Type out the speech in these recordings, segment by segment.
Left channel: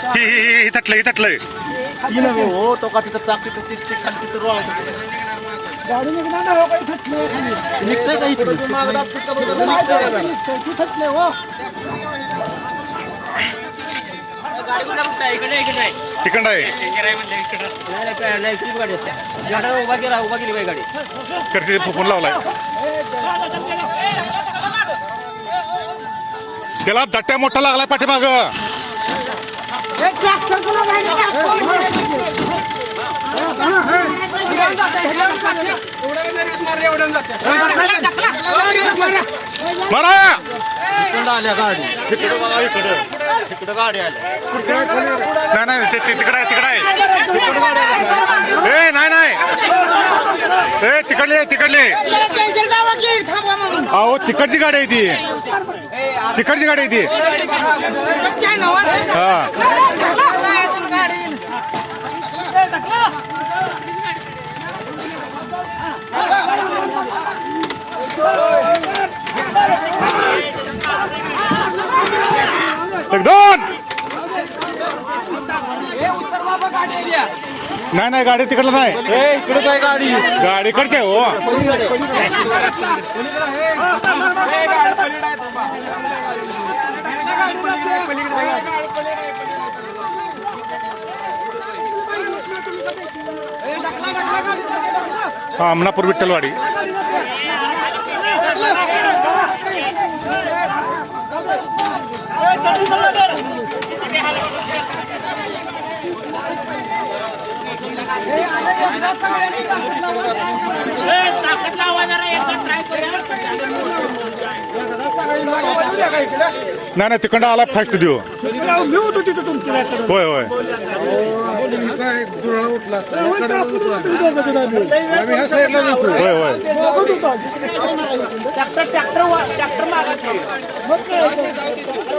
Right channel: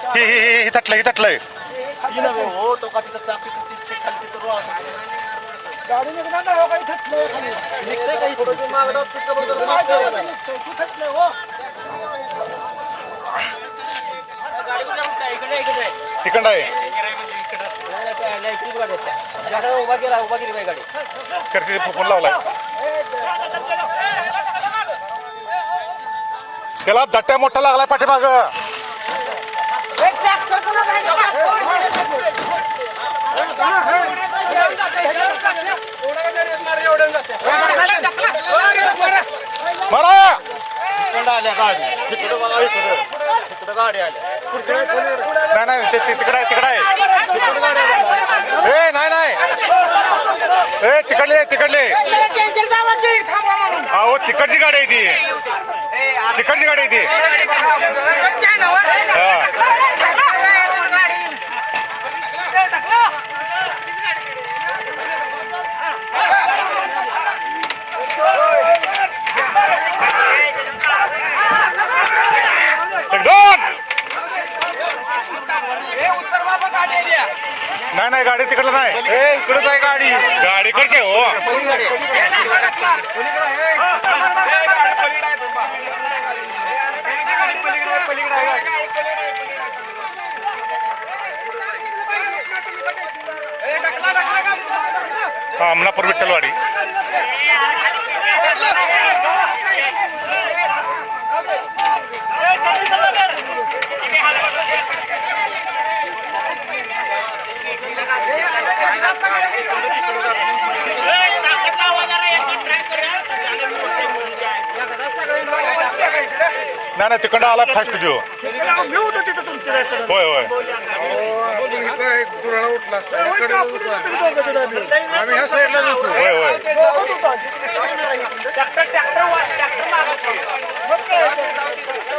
ही तटलंय हो तो का तिथं चाक तिथं खाली तिथं रोळ गाडी निघणार नाही हो काही थटलंय खाली निघतंय का इथं मागला पिकअप वगैरे तू थटलंय हो तिकडं आहे करते फुकून लावलाय त्याला दट्ट्या मोठा लागलाय पाठीमाग मारा आल्या गाडी तिकडे गाडी आल्या नाही तिकडे आहे ए नाही ए तिकडले अहो तिकडची गाडी आहे ती तिकडची गाडी आहे ती एक दोन नाही गाडी तिकडलं नाही इकडेच आहे गाडी गाडी कडचे हो अमनापूर विठ्ठलवाडी नाही तिकडं आला फास्ट देऊ होय उठला असता आम्ही ह्या साईडला जातो होय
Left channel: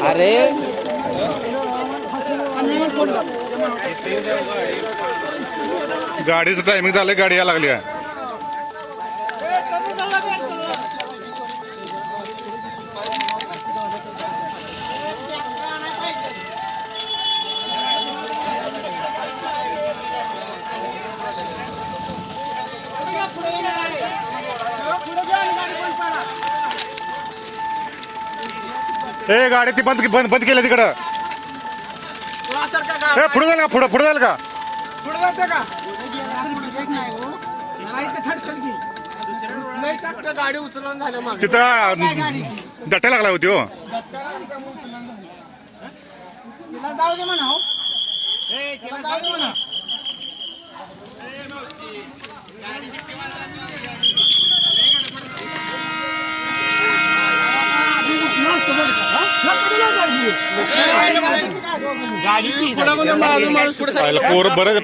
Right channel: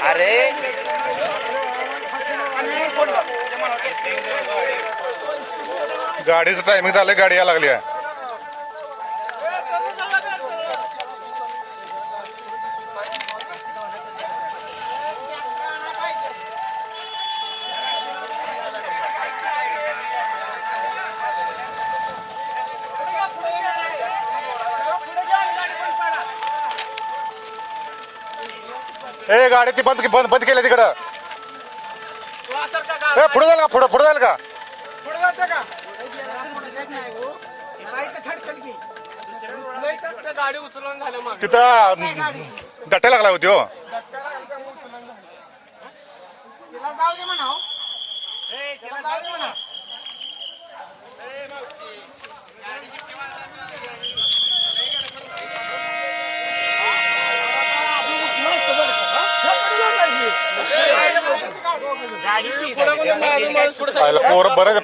अरे गाडीचं टायमिंग झालं गाडी यायला लागली आहे ए गाडी ती बंद केली तिकडं ए पुढे जाईल का पुढे जाईल का तिथं दट्ट्या लागला होती हो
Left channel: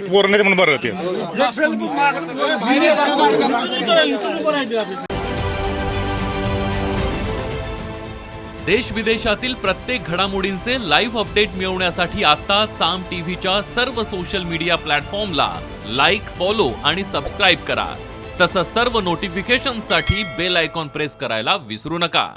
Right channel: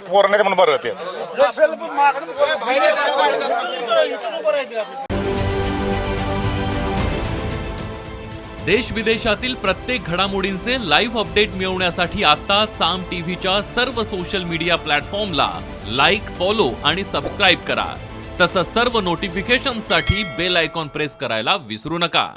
पोर नाही म्हणून बरं ते देश विदेशातील प्रत्येक घडामोडींचे लाईव्ह अपडेट मिळवण्यासाठी आता साम टीव्हीच्या सर्व सोशल मीडिया प्लॅटफॉर्मला लाईक, फॉलो आणि सबस्क्राईब करा. तसंच सर्व नोटिफिकेशनसाठी बेल आयकॉन प्रेस करायला विसरू नका.